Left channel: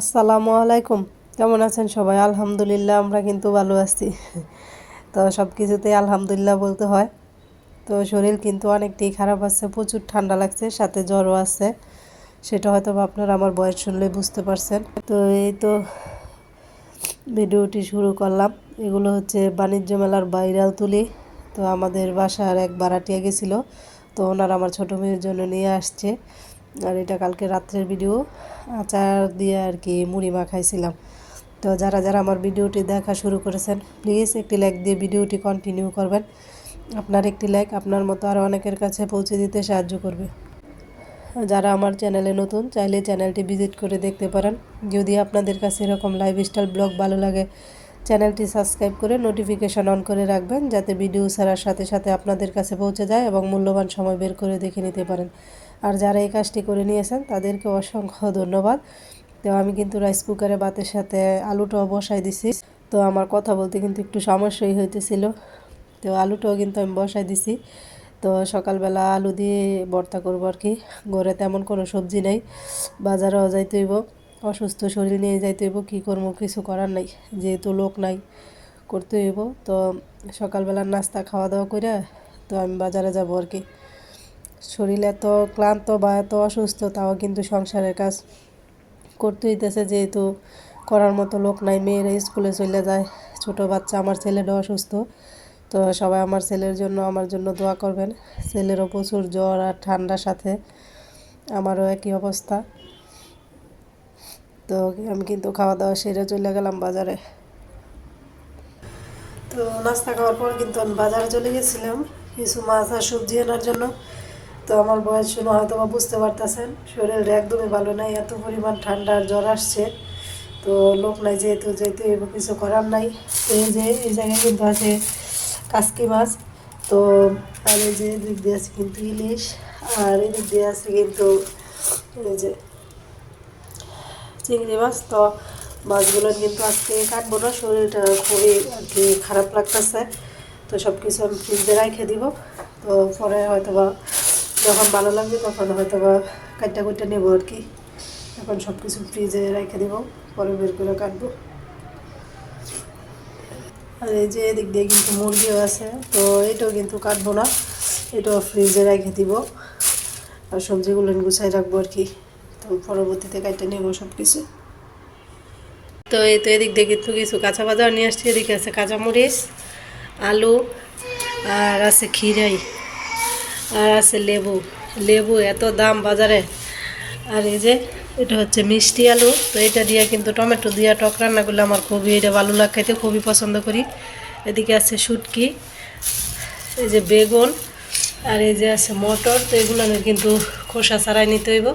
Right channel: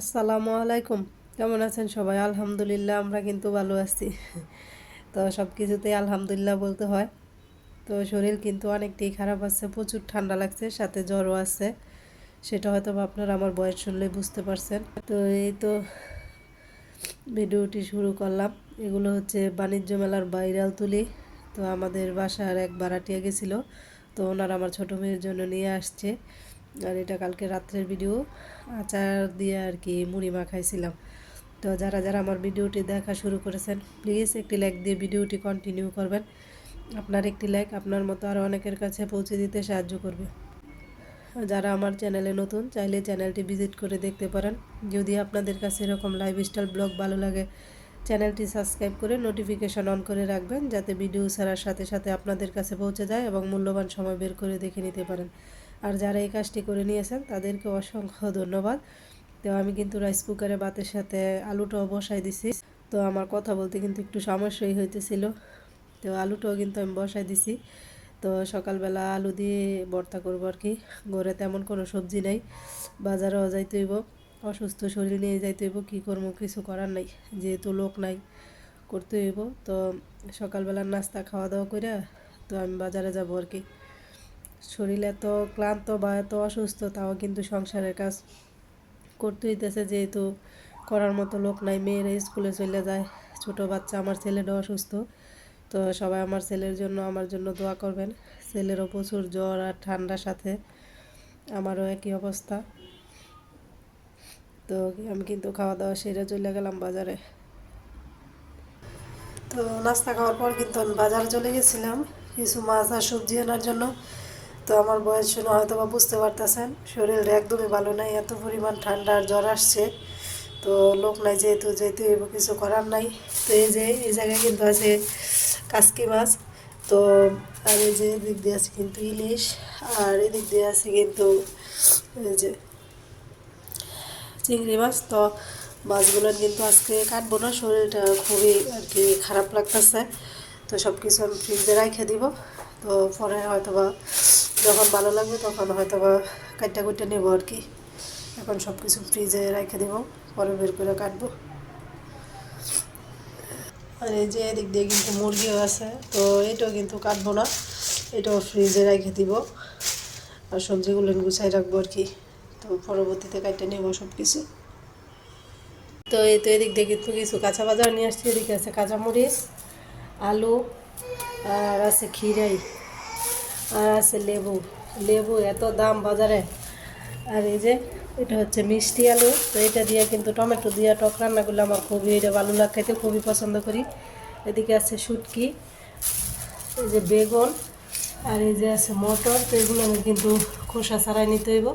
আসসালামু আলাইকুম। কেমন আছেন সবাই? আলহামদুলিল্লাহ, আমরা কিন্তু ভালো আছি। তো সব কিছুতেই আলহামদুলিল্লাহ বলতে হয়। তো শরীর কিন্তু অনেকটাই খারাপ আছে, প্রচুর ঠান্ডা লাগছে, সাথে জ্বরও আছে। সেটা হয়তো আপনারা আমার বয়স শুনলে বুঝতে পারছেন। তো এই তো ভিডিওটি শুরু করলাম। এগুলো হচ্ছে বাণিজ্য মেলার বাইরাল তুলি। তো আমাদের বাসার এক বারাটিয়া গেছিল। তো ওনারা আমার ছোটো মেয়ের জন্য নিয়ে আসছে। আর এটা কালকে রাত্রের ভিডিও। আচার দিয়ে আর কি মুড়ি মাখাইছিলাম। তো যারা যারা আমার ভিডিওটি দেখা শুরু করেছেন প্লিজ একটি লাইক দিয়ে ভিডিওটি কন্টিনিউ করবেন। আপনার একটি লাইক আপনার মতো আরও অনেকের কাছে পৌঁছে দিতে সাহায্য করবে। যারা আমার চ্যানেলে নতুন, চাইলে চ্যানেলটি ভিজিট করে দেখতে পারেন। যদি আপনাদের কাছে এরকম লাইফস্টাইল ব্লগ ভালো লাগে চ্যানেলটি সাবস্ক্রাইব করে নোটিফিকেশন অন করে রাখবেন, যাতে ভিডিও ছাড়ার সাথে সাথে আপনাদের কাছে পৌঁছে যায় এবং মূল্যবান সময় বের করে দেখে নিতে পারেন। আর যারা এই কাজটি করে নিয়েছেন, তাদেরকে অসংখ্য ধন্যবাদ। তো আমি কিন্তু রাইস কুকারে ভাতের সাথে আলুটাও বসাই দিছি। তো আমার কথা বলতে কিন্তু একটু সমস্যাই হইতেছিল। তো আলুটাও কিন্তু আমি বসাই দিছি। তো সকালবেলা আলু দিয়ে ভর্তা করব আর কি। ঘরে তেমন কোনো সবজি নেই। বাজারেও যাইতে হইব। অসুস্থ শরীর নিয়ে যাইতে হইব। কী করব, কিছু করার নাই। যেহেতু লোক নাই, করতে হইব। তো সকালবেলার নাস্তা খাওয়া দাওয়া করে তো আমি বাজারে যাব আর কি। শরীর এত ক্লান্ত বা এত অসুস্থ, তাও কিন্তু সংসারের কাজ করতে হইতেছে। যেহেতু করার মতো লোক নাই, মেয়েরা স্কুলে চলে যায়, ছোট বাচ্চা, আমার ছেলেটা অসুস্থ। তো সবাই আমার ছেলের জন্য, আমার জন্য দোয়া করবেন। ছেলেরও প্রচুর জ্বর আর ঠান্ডার সাথে আমারও একই অবস্থা। তো আমি কিন্তু খাওয়া দাওয়া সেরে চলে গেলাম বাজারে। তো নাস্তা খাওয়ার পর কিন্তু আমি বাজারে চলে গেছিলাম। কিছু মাছ আর সবজি আনার জন্য। তো আমার বয়স শুনে হয়তো বা বুঝতে পারতেছেন, শরীর একদমই ভালো নাই, এত পরিমাণ ঠান্ডা জ্বর আসছে। তো লোক নাই যেহেতু যেহেতু কিছু করার নাই। তো এই যে, এই জায়গায় কিন্তু আছে কাসকি মাছ। তো আর এই যে এদিক দিয়ে আছে কিন্তু ইলিশ, আর এদিক দিয়ে আছে কিন্তু এই যে চিংড়ি মাছ। তো মাছগুলো কিন্তু আজকে কাটবো না, শরীরটা খুবই আর কি খারাপ লাগতেছে। তো সব কিছু আমি ফ্রিজে রেখে দিব। তো পরে হয়তো বা যখন ভালো লাগবে, তখন হয়তো বা কাটটা কুটটা নেব আর কি। এখন সব কিছু ফ্রিজে রেখে দিব, পরে বের করে কাটবো। আর এই যে এদিক দিয়ে কিন্তু মুরগিও আছে, তো এটাও কিন্তু কাটবো না, এটাও ফ্রিজে রেখে দিব। আর সবজিগুলো গুছাই রাখব আর কি, তো পরবর্তীতে কাটতে নেব সব কিছু তো এই তো এদিক দিয়ে কিন্তু কিছু কাঁচা বাজার নিয়ে আসছি, এদিকে আছে কাঁচামরিচ, আলু, আর আছে খিরাই আর আছে লেবু। লেবু এত দাম বাজারে। আর এই যে, এটা হচ্ছে মিষ্টি আলু। তো এটা দিয়ে কিন্তু টমেটো দিয়ে টক রান্না করলে আমার খুবই এটা ভালো লাগে, খেতে খুবই পছন্দ করি। এদিকে আছে শুটকি, এই যে বেগুন, আর এই যে আছে মটর। তো এগুলো আমি কিন্তু খোসা ছাড়াই নিতে হইব।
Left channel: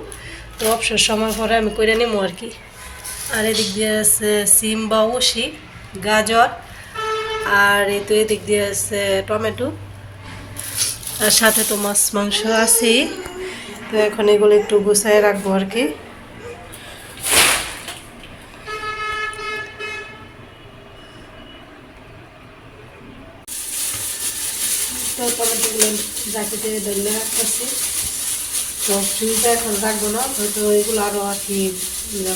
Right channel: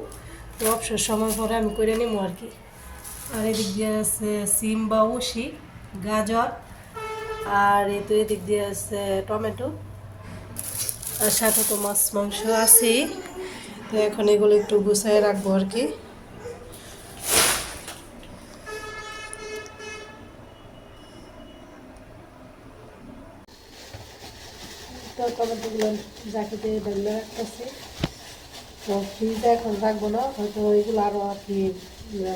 তো অবসর সময় পরে আমি করে নেব আর কি। আর এদিক দিয়ে আছে সিম বা গাজর, আর এই তো এদিক দিয়ে আছে টমেটো। আর সাথে তো মাছ, মাংস আছেই। তো এখন এগুলো একটু গুছাই রাখব আর কি। জ্যাকেটে ধরে রাখতেছি তো ফ্রিজে এখন রাখব না, হয়তো এগুলো আরও আর কি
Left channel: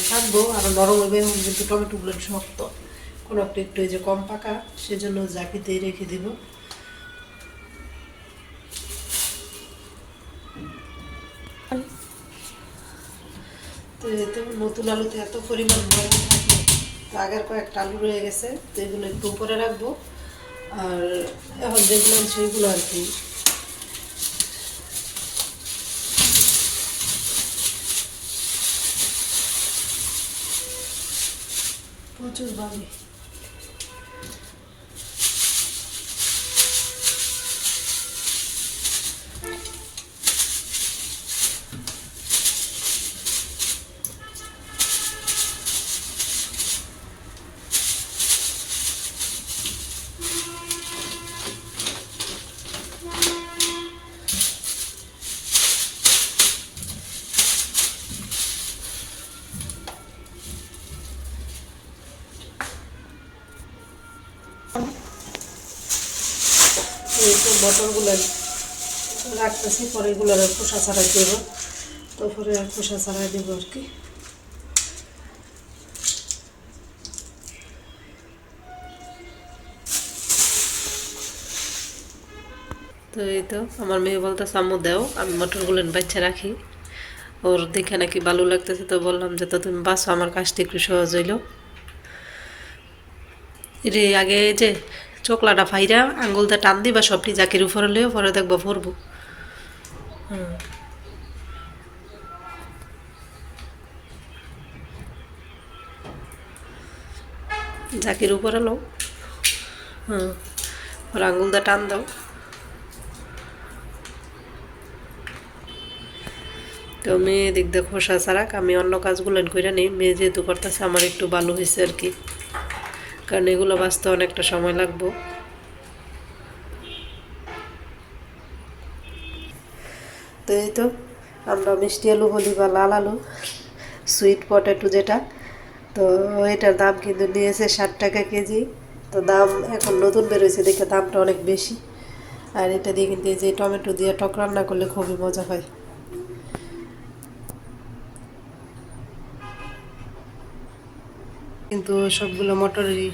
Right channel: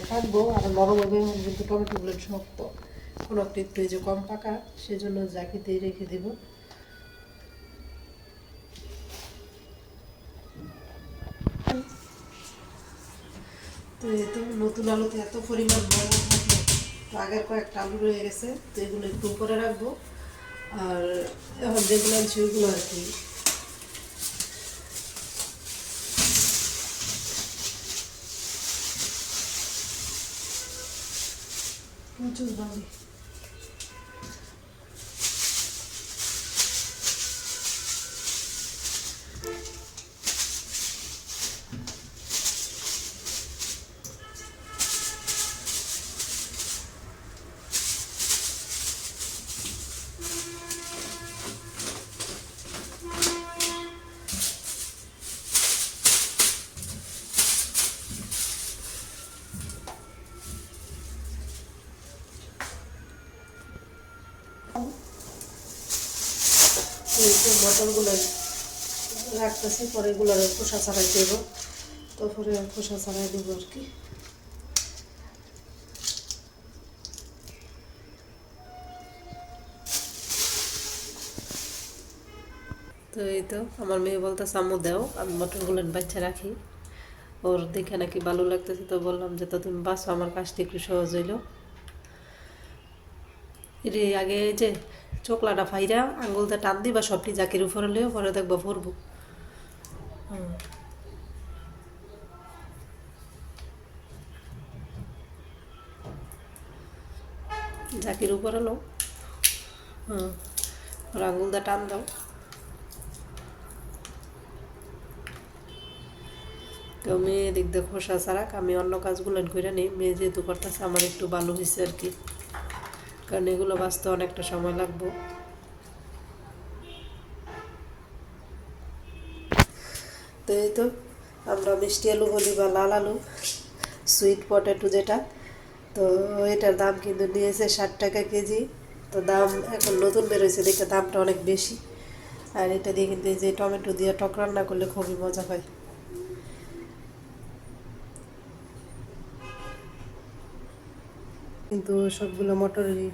থাকব। আরও নরম হবে এবং কিন্তু টমেটোগুলো শক্ত কোনো একটু একটু এই যে কম পাকা, সেজন্য জাকিতেই রেখে দেবো। তো এই নতুন আলুতে এত পরিমাণ বড় থাকে, তো আগের কয়েকটা আলু রয়ে গেছে, তো এগুলো একটু উপরে রাখব। আর এখন যেগুলো আছে ওইগুলো আর কি। প্রচুর বালি বটলগুলো রাখতেছি, পরে এগুলোর খোসা ছাড়াই দেব। তারপরে খোসা ছাড়াই দেব আর কি। তো এই তো, আমার মেয়ে বলতে সামু দেও, আমি মটরগুলো বাচ্চা রাখি। ওর দেখে নাকি ভালো লাগতেছে, তো বললাম যে, তো তুমি বাসো আমার কাজটি একটু সহজ হইল। রে, আগে যে চোকলাটা ফাইরা আঙ্গুলটা টান দিবা সবটি জাকির উপরে লইও পরে দেখব পরবো হুম। জাকির উপরে লো হুম, ওর আঙ্গুলটা টান দাও। তো মেয়ে দিক দিয়ে খোসা ছাড়াক, আমি অন্য কাজগুলো করে নিই। মেয়ে যেহেতু করতেছে, আমার একটু ভালো হয়েছে আর কি। কারণ এগুলো বাঁচতে অনেকটা সময় লাগবো। তো এই তো, আমরা মিষ্টি আলু বলি বা লাল আলু সুইট পটেটো যেটা। তো এটার দাম কিন্তু নিয়েছে ষাট টাকা কেজি। তো দাম এখন নতুন বেরোয়েছে দেখে দামটা অনেক বেশি। আর এটা দিয়ে কিন্তু এই যে টমেটো দিয়ে টক রান্না করলে খুবই মজা হয়। কিন্তু সবগুলো মোটরই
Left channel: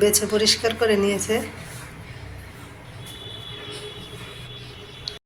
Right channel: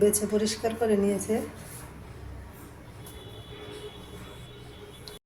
বেছে পরিষ্কার করে নিয়েছে।